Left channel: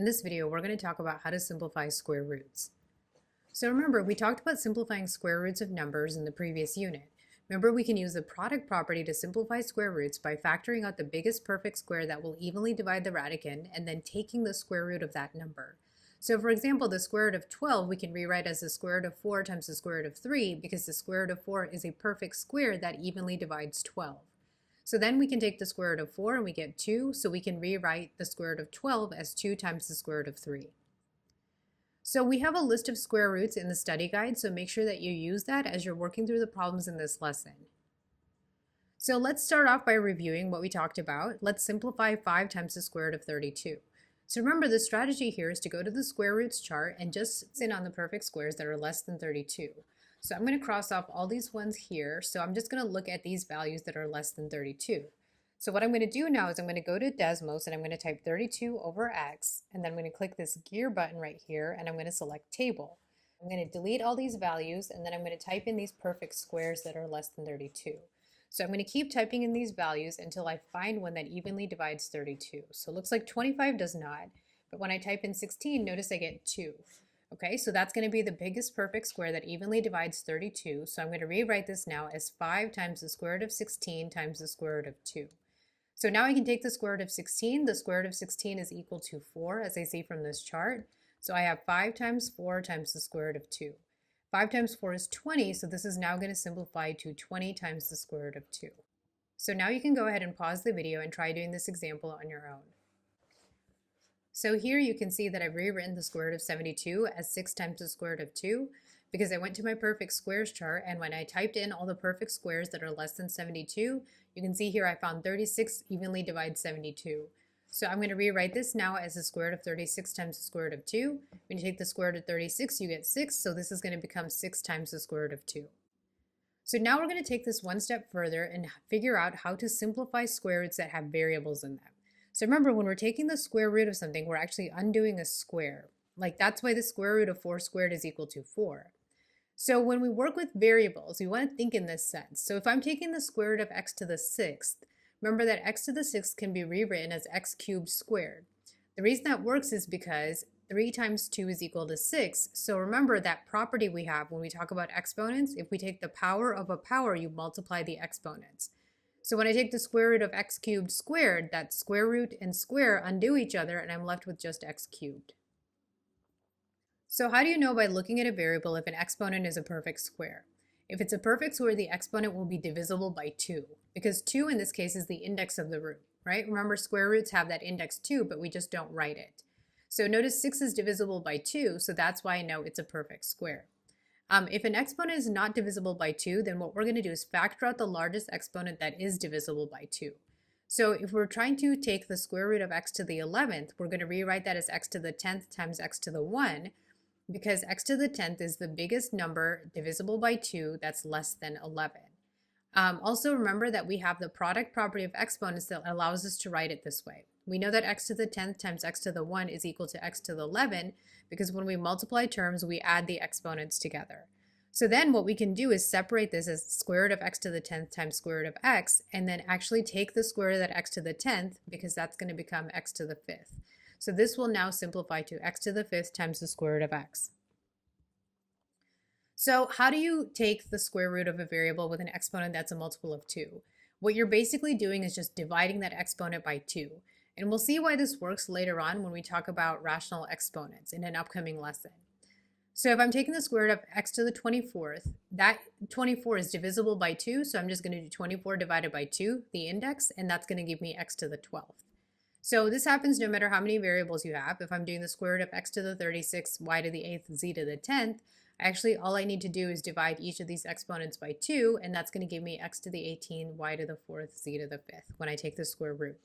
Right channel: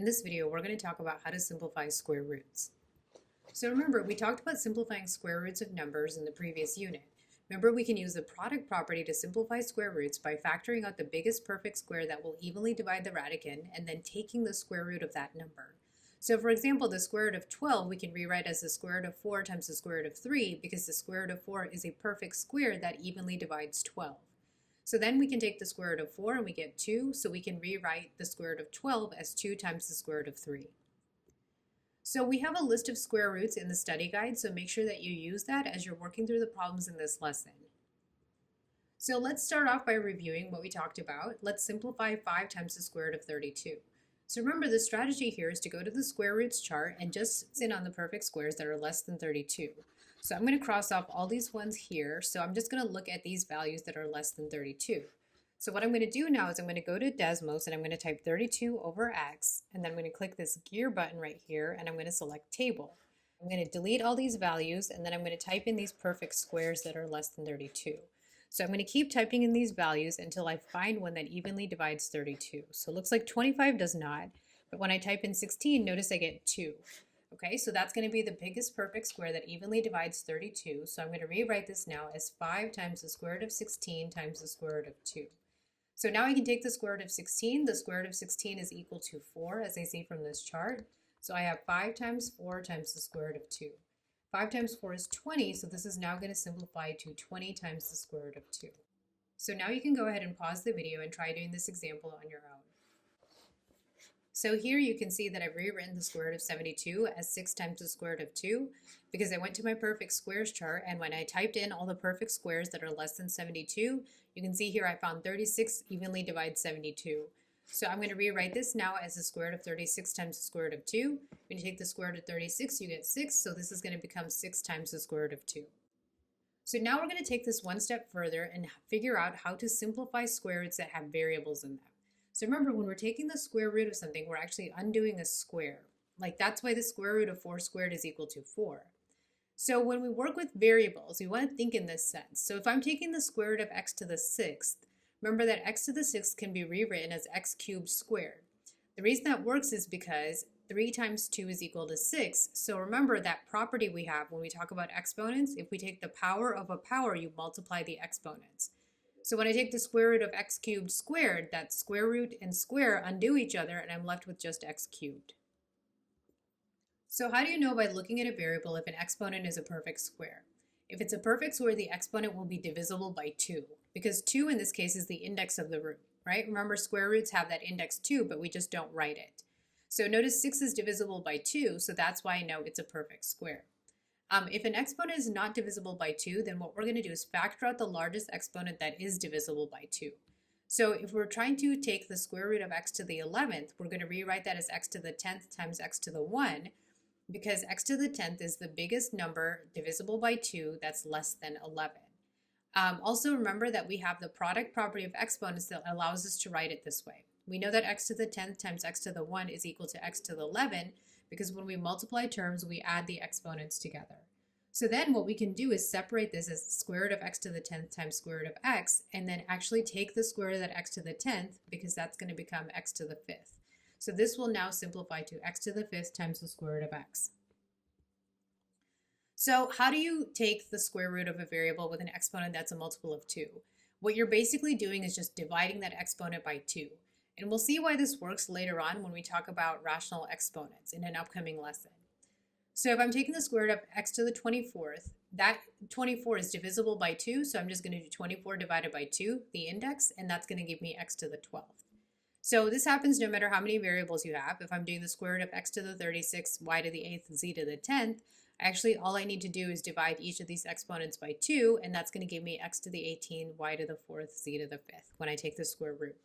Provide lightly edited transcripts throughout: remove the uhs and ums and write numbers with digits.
In this video, we're going to talk about how to simplify square roots. So remember, we talked about simplifying square roots of numbers in the previous unit. Remember, we can use the product property to simplify square roots by factoring out the biggest perfect square that will evenly divide the radicand and then taking the square root of that number. So for example, the square root of 12 we can rewrite as the square root of 4 times the square root of 3 because the square root of 4 is a perfect square that evenly divides 12. So then we can take the square root of 4 and we get 2, so we can rewrite the square root of 12 as 2 times the square root of 3. So we have a list of square roots in the study guide, so make sure that you use that as you're working through the problems in this lesson. So let's start off by reviewing what we talked about. Let's simplify 5 times the square root of 32. So remember, the strategy here is to go to the square roots chart and just sit on the perfect squares that are less than 32. So I'm going to cross off all these ones here, so I'm just going to look at these values that are less than 32. So what I'm going to do now is I'm going to go to Desmos and I'm going to type 32 over x, and then I'm going to click this gear button right here and I'm going to select table. I'm going to delete all these values and then I'm going to type in these perfect squares that are less than 32. So I'm going to keep typing in these values until I find one that evenly divides 32. So it looks like 25 does not, but when I type in 16, notice I get 2. Okay, so that's going to be the biggest perfect square that evenly divides 32. So I'm going to rewrite this now as 5 times the square root of 16 times the square root of 2. So now I can take the square root of 16. The square root of 16 is equal to 4, as I see from this chart. So I have 5 times 4 times the square root of 2. 5 times 4 is 20, so this is now going to simplify to 20 times the square root of 2. So now you can go ahead and pause the video and try doing this example on your own. So here you can see that I've rewritten the square root of 72 as 6 times the square root of 2 because I went to my perfect squares chart, and when I typed in all the perfect squares that are less than 72, you can see here I found 36 evenly divides 72. So I'm going to rewrite this now as the square root of 36 times the square root of 2. When you take the square root of 36, you get 6, so this is going to become 6 times the square root of 2. So now we're going to take this one step further and figure out how to simplify square roots that have variables in them. So remember, when we're taking the square root of something, we're actually undoing a square. Like that's why the square root of 4 squared is equal to 4. So when we work with variables, we want to think in this sense. So if I'm taking the square root of x to the 6th, remember that x to the 6th can be rewritten as x cubed squared. The reason that works is because 3 times 2 is equal to 6. So remember that property we have when we talk about exponents. If we take the power of a power, you multiply the exponents. So when I take the square root of x cubed squared, that square root and square undo each other and I'm left with just x cubed. So how do you know by looking at a variable if an exponent is a perfect square? If it's a perfect square, the exponent will be divisible by 2, because 2 in this case is the index of the root, right? Remember, square roots have that index 2, but we just don't write it. So notice 6 is divisible by 2, so that's why I know it's a perfect square. If an exponent is not divisible by 2, then what we're going to do is factor out the largest exponent that is divisible by 2. So if we're trying to take the square root of x to the 11th, we're going to rewrite that as x to the 10th times x to the 1, because x to the 10th is the biggest number divisible by 2 that's less than 11. Also remember that we have the product property of exponents that allows us to write it this way. We know that x to the 10th times x to the 1 is equal to x to the 11 because when we multiply terms, we add the exponents together. So then what we can do is separate this as square root of x to the 10th times square root of x, and then actually take the square root of that x to the 10th because that's going to become x to the 5th. So this will now simplify to x to the 5th times the square root of x. So how do you take the square root of a variable with an exponent that's a multiple of 2? What you're basically doing is just dividing that exponent by 2. And we'll see why this works later on when we talk about rational exponents in an upcoming lesson. So if I'm taking the square root of x to the 24th, that 24 is divisible by 2, so I'm just going to do 24 divided by 2, the index, and that's going to give me x to the 12th. So this happens no matter how many variables you have. If I'm doing the square root of x to the 36th, y to the 8th, z to the 10th, actually all I need to do is divide each of these exponents by 2, and that's going to give me x to the 18th, y to the 4th, z to the 5th when I take the square root.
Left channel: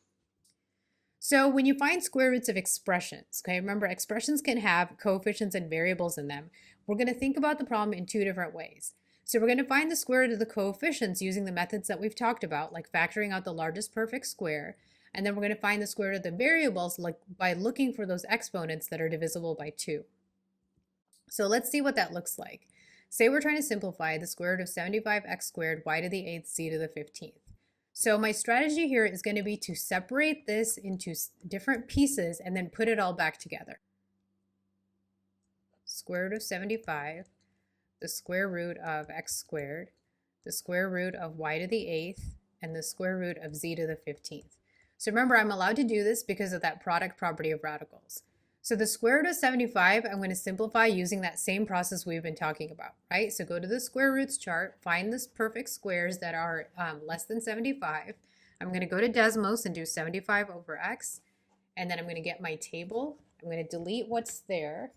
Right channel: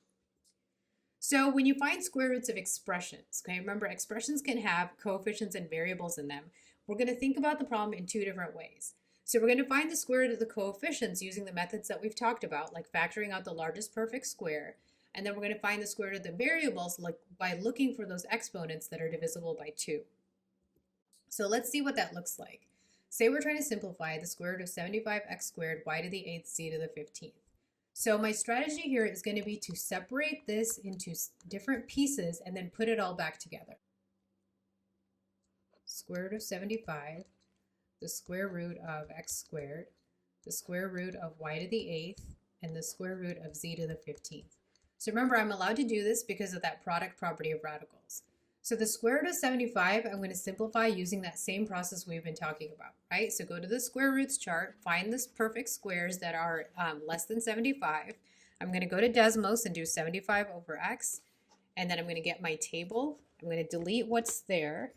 So when you find square roots of expressions, okay, remember expressions can have coefficients and variables in them. We're going to think about the problem in 2 different ways. So we're going to find the square root of the coefficients using the methods that we've talked about, like factoring out the largest perfect square. And then we're going to find the square root of the variables by looking for those exponents that are divisible by 2. So let's see what that looks like. Say we're trying to simplify the square root of 75x squared y to the 8th z to the 15th. So my strategy here is going to be to separate this into different pieces and then put it all back together. Square root of 75, the square root of x squared, the square root of y to the 8th, and the square root of z to the 15th. So remember, I'm allowed to do this because of that product property of radicals. So the square root of 75, I'm going to simplify using that same process we've been talking about, right? So go to the square roots chart, find the perfect squares that are less than 75. I'm going to go to Desmos and do 75 over x, and then I'm going to get my table. I'm going to delete what's there,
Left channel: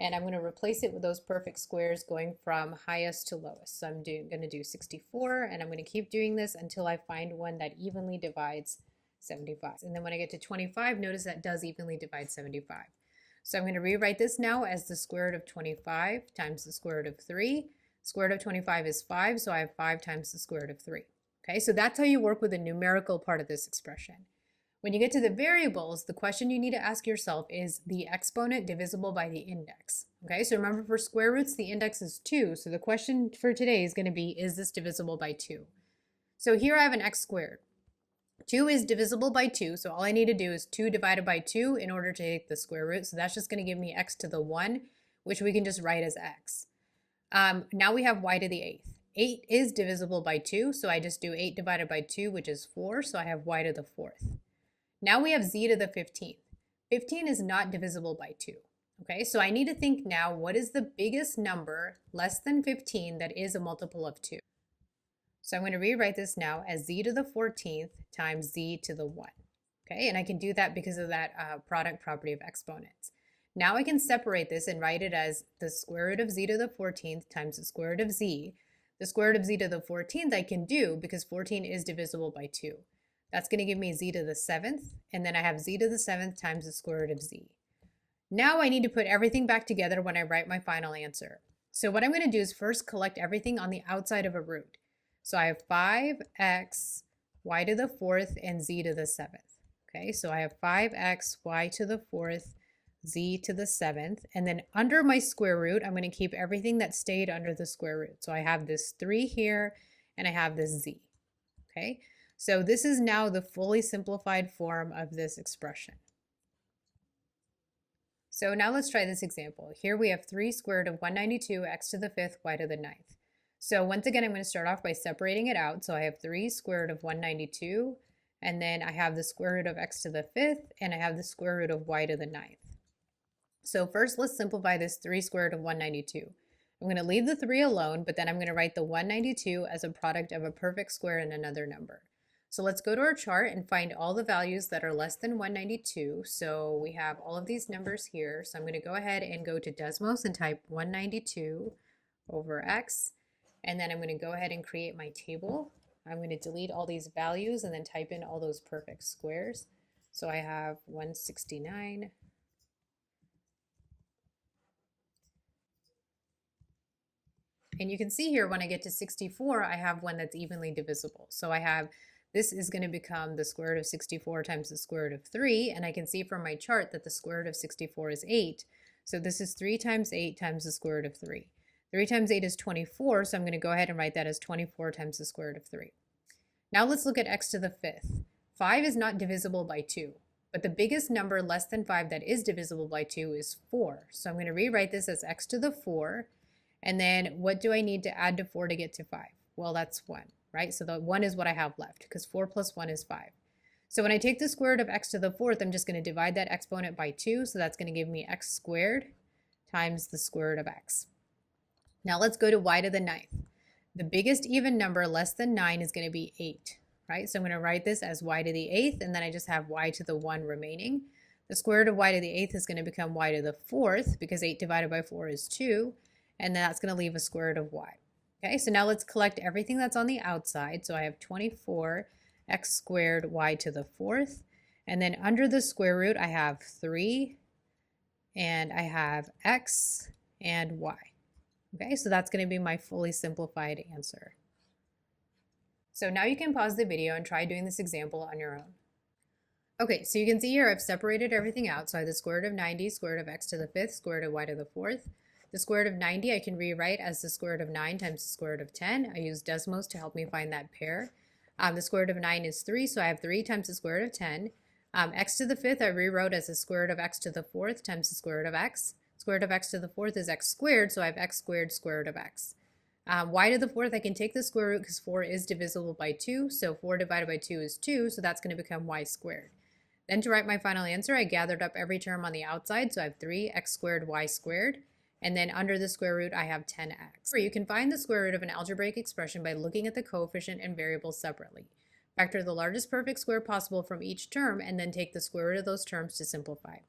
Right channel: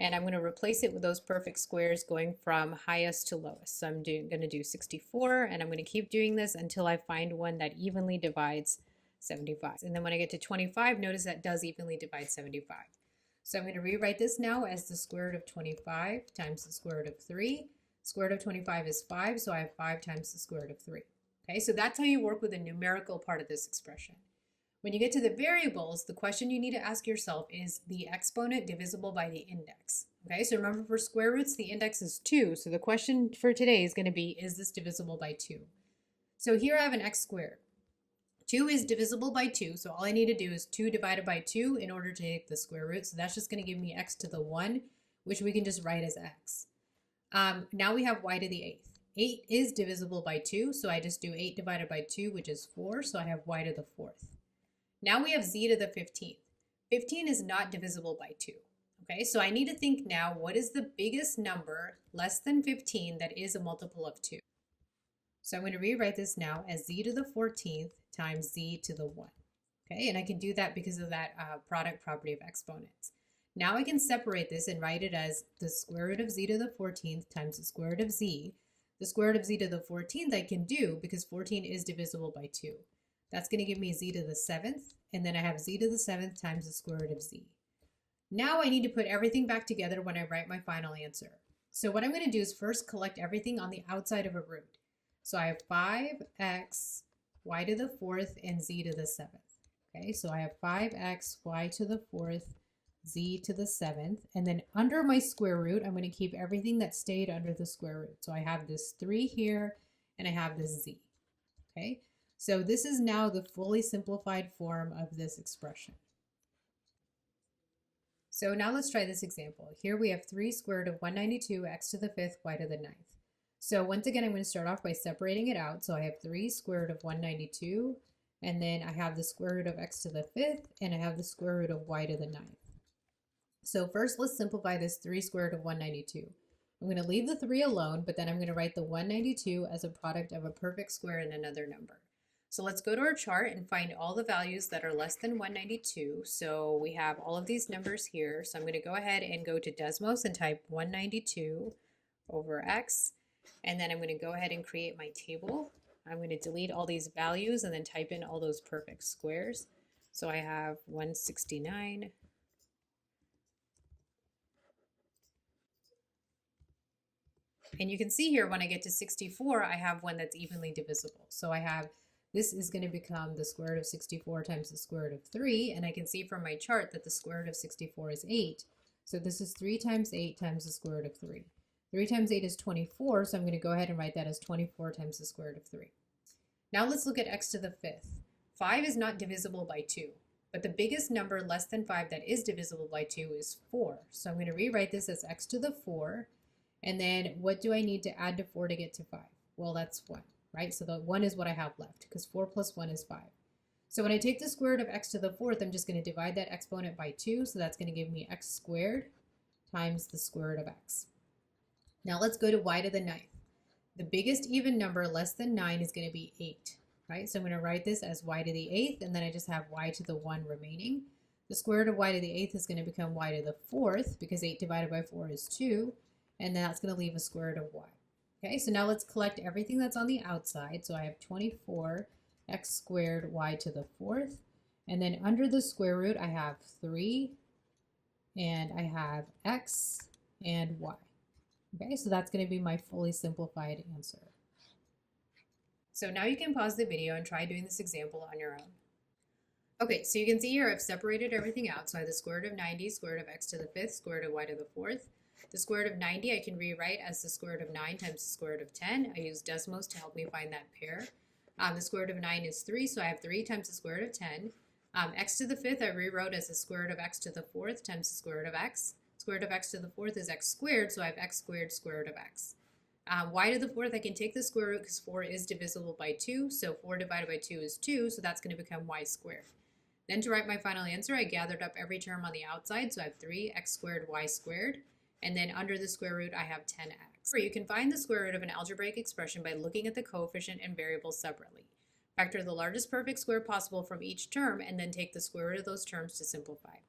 and I'm going to replace it with those perfect squares going from highest to lowest. So I'm going to do 64, and I'm going to keep doing this until I find one that evenly divides 75. And then when I get to 25, notice that does evenly divide 75. So I'm going to rewrite this now as the square root of 25 times the square root of 3. Square root of 25 is 5, so I have 5 times the square root of 3. Okay, so that's how you work with the numerical part of this expression. When you get to the variables, the question you need to ask yourself is the exponent divisible by the index. Okay, so remember for square roots, the index is 2. So the question for today is going to be, is this divisible by 2? So here I have an x squared. 2 is divisible by 2, so all I need to do is 2 divided by 2 in order to take the square root. So that's just going to give me x to the 1, which we can just write as x. Now we have y to the 8th. 8 is divisible by 2, so I just do 8 divided by 2, which is 4, so I have y to the 4th. Now we have z to the 15th. 15 is not divisible by 2. Okay, so I need to think now, what is the biggest number less than 15 that is a multiple of 2? So I'm going to rewrite this now as z to the 14th times z to the 1. Okay, and I can do that because of that product property of exponents. Now I can separate this and write it as the square root of z to the 14th times the square root of z. The square root of z to the 14th I can do because 14 is divisible by 2. That's going to give me z to the 7th, and then I have z to the 7th times the square root of z. Now I need to put everything back together when I write my final answer. So what I'm going to do is first collect everything on the outside of a root. So I have 5x, y to the 4th, and z to the 7th. Okay, so I have 5x, y to the 4th, z to the 7th. And then under my square root, I'm going to keep everything that stayed under the square root. So I have this 3 here, and I have this z. Okay, so this is now the fully simplified form of this expression. So now let's try this example. Here we have 3 square root of 192, x to the 5th, y to the 9th. So once again, I'm going to start off by separating it out. So I have 3 square root of 192, and then I have the square root of x to the 5th, and I have the square root of y to the 9th. So first, let's simplify this 3 square root of 192. I'm going to leave the 3 alone, but then I'm going to write the 192 as a product of a perfect square and another number. So let's go to our chart and find all the values that are less than 192. So we have all of these numbers here. So I'm going to go ahead and go to Desmos and type 192 over x. And then I'm going to go ahead and create my table. I'm going to delete all these values and then type in all those perfect squares. So I have 169. And you can see here when I get to 64, I have one that's evenly divisible. So I have, this is going to become the square root of 64 times the square root of 3. And I can see from my chart that the square root of 64 is 8. So this is 3 times 8 times the square root of 3. 3 times 8 is 24, so I'm going to go ahead and write that as 24 times the square root of 3. Now let's look at x to the 5th. 5 is not divisible by 2, but the biggest number less than 5 that is divisible by 2 is 4. So I'm going to rewrite this as x to the 4, and then what do I need to add to 4 to get to 5? Well, that's 1, right? So the 1 is what I have left, because 4 plus 1 is 5. So when I take the square root of x to the 4th, I'm just going to divide that exponent by 2, so that's going to give me x squared times the square root of x. Now let's go to y to the 9th. The biggest even number less than 9 is going to be 8, right? So I'm going to write this as y to the 8th, and then I just have y to the 1 remaining. The square root of y to the 8th is going to become y to the 4th, because 8 divided by 4 is 2, and that's going to leave a square root of y. Okay, so now let's collect everything that's on the outside. So I have 24 x squared y to the 4th, and then under the square root I have 3, and I have x and y. Okay, so that's going to be my fully simplified answer. So now you can pause the video and try doing this example on your own. Okay, so you can see here I've separated everything out. So I have the square root of 90, square root of x to the 5th, square root of y to the 4th. The square root of 90 I can rewrite as the square root of 9 times the square root of 10. I use Desmos to help me find that pair. The square root of 9 is 3, so I have 3 times the square root of 10. X to the 5th I rewrote as the square root of x to the 4th times the square root of x. Square root of x to the 4th is x squared, so I have x squared square root of x. Y to the 4th, I can take the square root because 4 is divisible by 2, so 4 divided by 2 is 2, so that's going to become y squared. Then to write my final answer, I gathered up every term on the outside, so I have 3x squared y squared, and then under the square root I have 10x. You can find the square root of an algebraic expression by looking at the coefficient and variables separately. Factor the largest perfect square possible from each term, and then take the square root of those terms to simplify.